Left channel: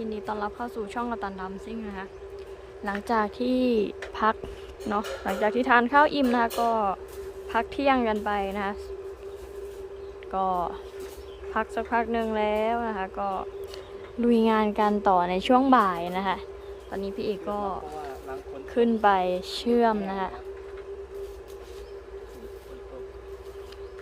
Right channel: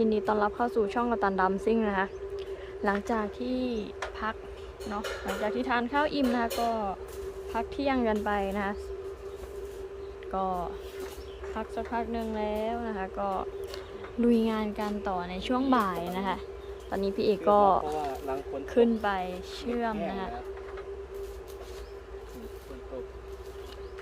ยินดีต้อนรับเข้าสู่ช่องกระตันดำซิ่งนะคะ หลังจากที่พักเนาะหลังจากที่ทานข้าวอิ่มนะคะก็พักเที่ยงกันไปนะคะ ก็พักสักพักหนึ่งแล้วนะคะ ก็ลุยงานกันต่อในช่วงบ่ายนะคะ ตอนนี้พี่เอกก็ขึ้นไปเชื่อมนะคะ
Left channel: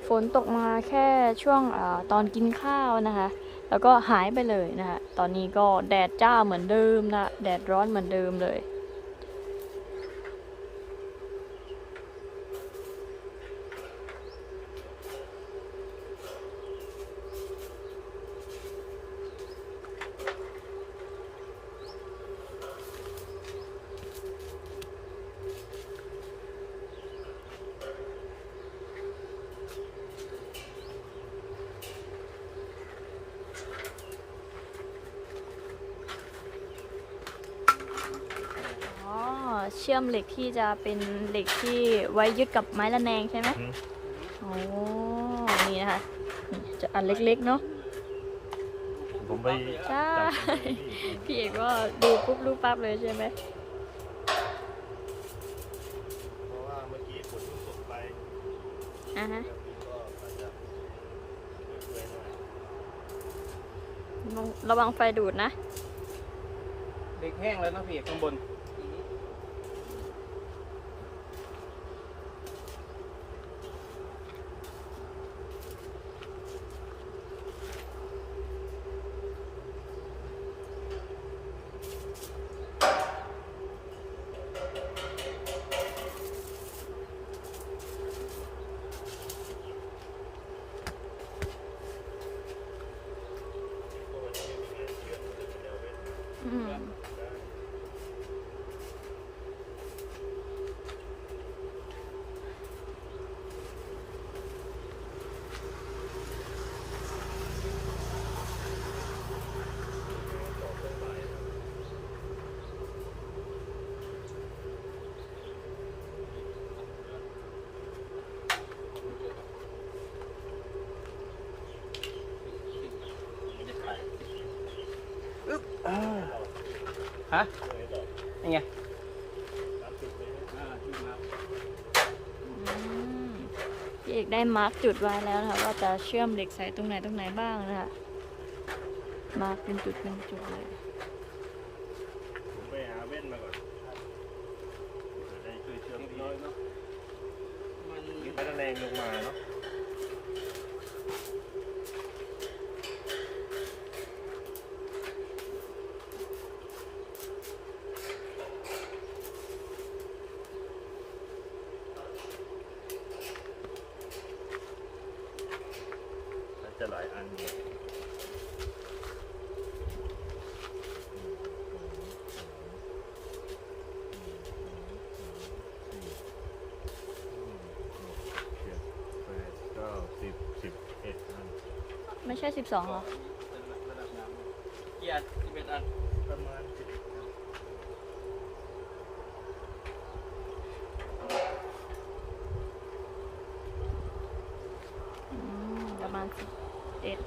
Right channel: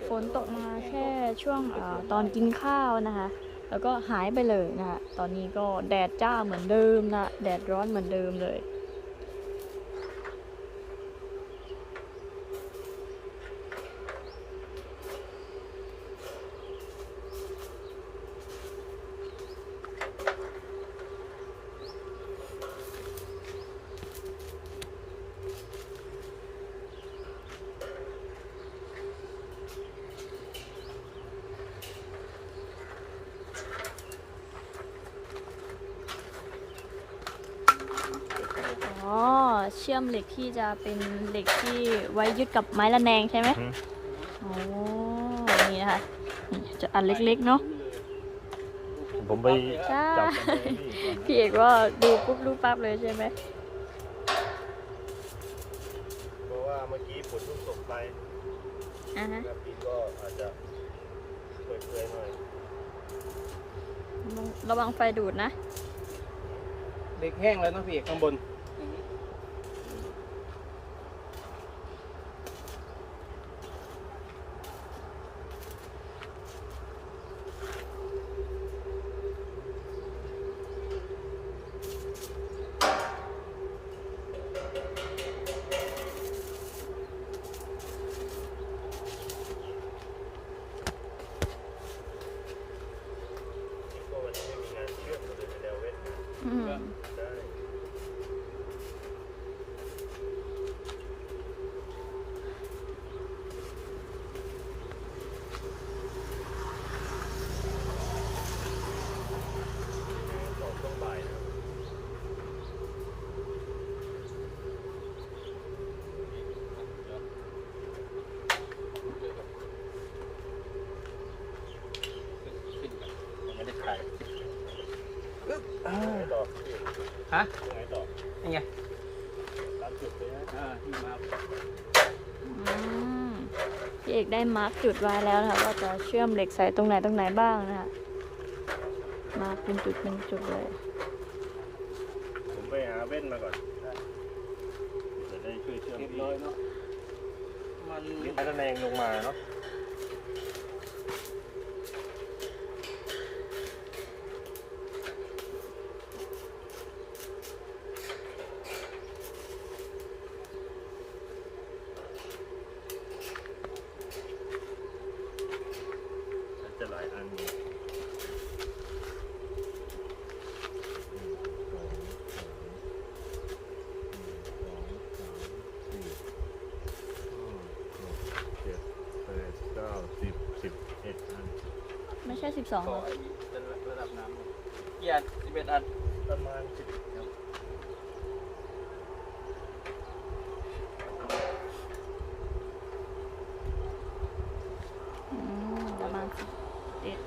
ฝนตกมาแค่ช่วงอตอนกินข้าวนะคะ แล้วก็หายไปเลยนะคะตอนนี้ก็แดดจ้าเหมือนเดิมนะ แดดร้อนเหมือนเดิมเลย เชื่อมเหล็กที่จะเป็นเหล็กที่ไว้ยึดกับไม้ระแนงใช่ไหมอืมโอ้นี่นะคะนี่จะอันเล็กๆเนาะ ผมไปใช่จับพี่เอกว่าดูปุ๊บรู้ปั๊บเลยใช่ไหมเพราะว่าเมื่อกี้ฝนเพิ่งตกไปอ่าฮะแล้วพี่ก็อาจจะเปื่อยๆหน่อย ระวังไฟดูดนะ เด็กแห้งแล้วนะพี่เอกข้างบน ก็วันนี้ไม่มีงานเชื่อมเลยเป็นแนวเว้น อืม ได้ต่อช่วงบ่ายนะครับยังไม่ได้ถ่ายไงต่อพี่ ฮะ ยังไง ต่อยังไงตามจุดเลยนะอ่าพี่มาอืมพี่เอกได้มาร์กจุดไว้แล้วนะคะว่าจะเชื่อมเหล็กใส่ตรงไหนตรงไหนบ้างนะคะมาร์กเป็นจุดเป็นจุดเลยผมไปหาเว้นมาก่อนจะได้ช่วยเชื่อมเรียบพี่ร้อยเนาะมันพัฒนาเองลงมาเนาะ น่าจะหลายอันอยู่หนึ่งสองสามหนึ่งสองสามสี่ห้าหกเจ็ดแปดเก้าสิบสิบเอ็ดอัน ไม่ใช่สิบสองหรอเป็นระดับน้ำกี่อันสิบเอ็ดอันประมาณสิบอืมประมาณสิบเอ็ด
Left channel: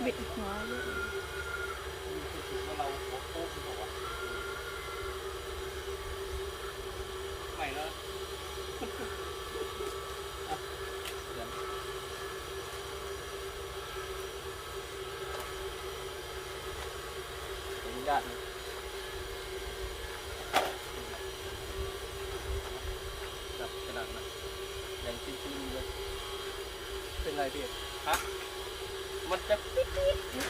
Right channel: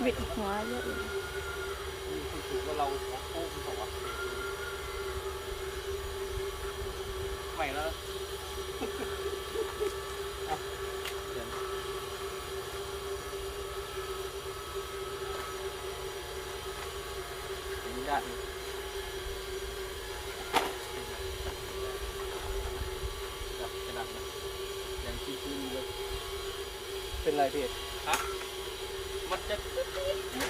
วิดหัวเยอะอยู่มีคนถูกว่าเราหัวโป๊กมันบอกว่าไม่แล้วเดี๋ยวอนุญาตนะจับกระดาษนะยังชื้นๆเลยเป็นไรพี่ครับมันจะ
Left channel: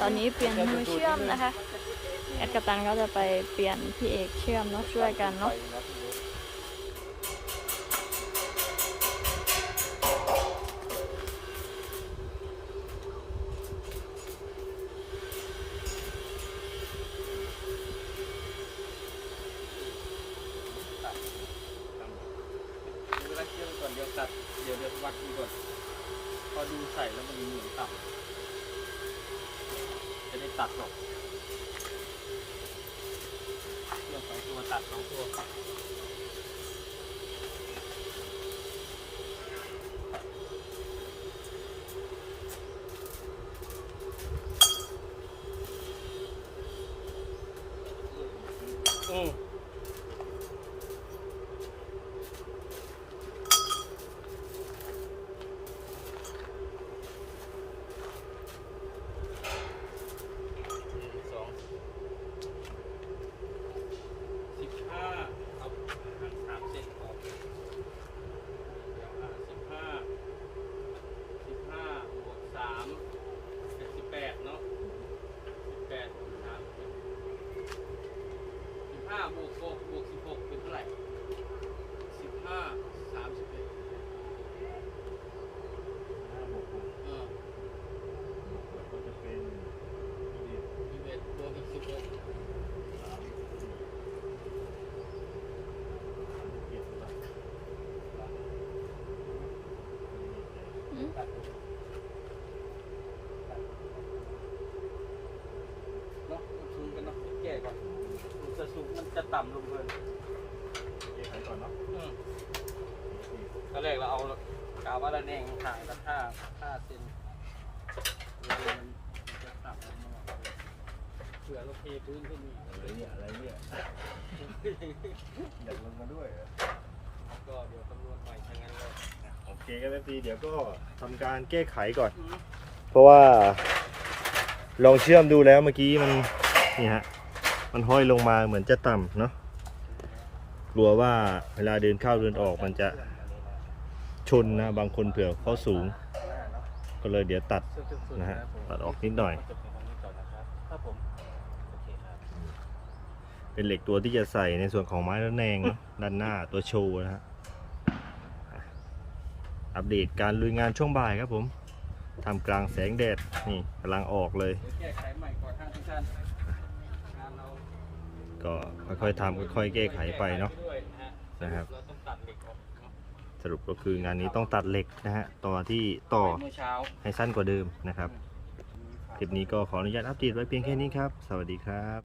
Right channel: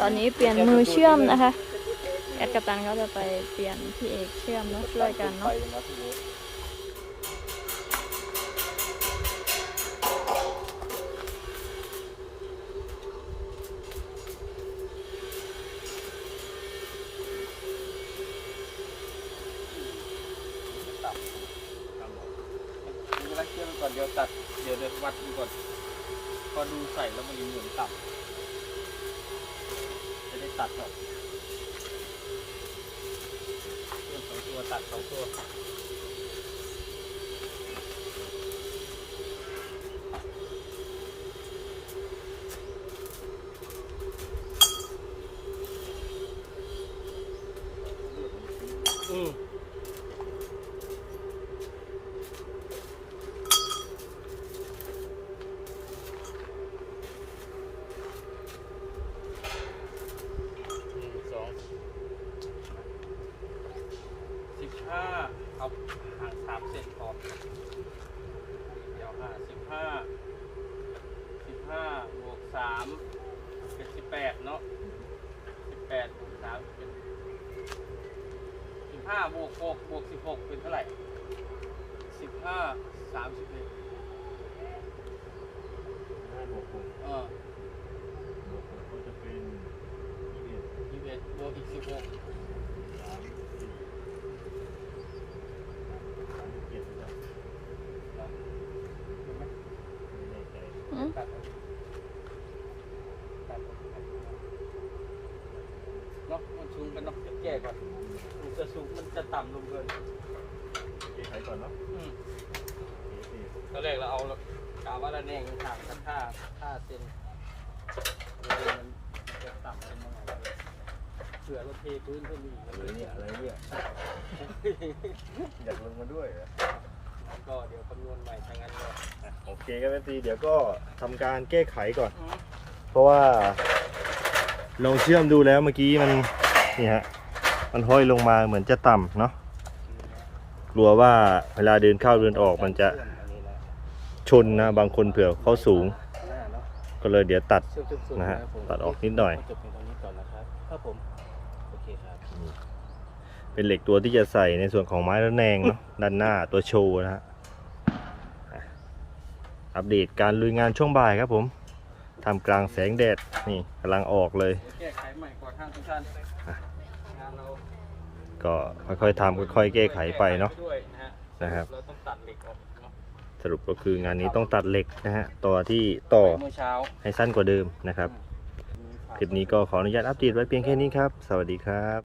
ตอนนี้เปลี่ยนมือเชื่อมนะคะ แอดกัปตันก็จะไปเปลี่ยนพี่เอกเชื่อมเนาะช่วยกันเนาะไปทีนี้ตัดตามบอกดูนักเชื่อมก่อนเดี๋ยวตัดเดี๋ยวเดี๋ยววัดดูก่อน พอดูใส่แล้วมันเหมือนต่ำ ตัดหรอกเครื่องสองตัวตัดสองตัวอืมหนึ่งสองสิบห้าเอาห่างสามเซนพอเดี๋ยวห้าสิบห้าสิบห้าบวกสามเป็นสิบแปดเนาะสิบแปดบวกสามเป็น สิบ ห้าบวกหกบวกสิบหกเป็นเท่าไหร่สิบห้าสามสิบเอ็ดห้าบวกหกเออบวกหกก็จะเป็นยี่สิบเอ็ดยี่สิบเอ็ดบวกอีกสิบหกสามสิบสามสิบเจ็ดหรือเปล่าเห็นไหมไม่แน่ใจอืม ตัดเอาตัดเอาเนาะมันสูงไปเนาะเดี๋ยว แก้ก่อนมันจะสูงมันจะต่ำลงเกินแก้ไขก่อนเนาะอืมเอสี่ตอนแรกเราเอากาวว่าระแนงห่างกันห้าห้าเซนเลยมันมันจะต่ำลงมาหน่อยเผื่อเราเทพื้นขึ้นอีกอะไรเนี่ยอะไรเนี่ยอยากลงมาด้วยเหรอก็เดี๋ยวคำนวณใหม่ทางนั้นก็อะโอเคครับเอซีเดี๋ยวก็ทำการแก้ไขก่อน เพราะว่า ลองเชื่อมดูแล้วเมื่อกี้มันนี่ฮะ มันห้อยลงมาเหมือนจะต่ำเนาะกลัวว่าเวลาเดินเข้าเดินออกมันจะชนนะบางคนเผื่อเขาสูง ก็เลยเดี๋ยวตัดนะฮะตัดออกนิดหน่อย เป็นเหล็กตัวที่จะใส่ในส่วนของไม้ระแนงเนาะด้านหน้าตัวโชว์นะฮะอัปเดตการลุยงานช่วงบ่ายครับผมทำกลางแสงแดดนี่กำลังออกเลยเดี๋ยวแก้ไขใหม่กว่าทางทุกท่าน ก็ค่อยๆทำค่อยๆแก้ไขไปเนาะนะฮะนะครับ เราต้องตัดเหล็กออกเนาะสรุปก็คืองานนี้ต้องตัดเหล็กนะฮะต่อที่ต่อเมื่อเช้า ให้สั้นกว่าเดิมนะครับ คลิปนี้ก็ขออนุญาตอัปเดตไว้เพียงแค่นี้ครับ สวัสดีครับ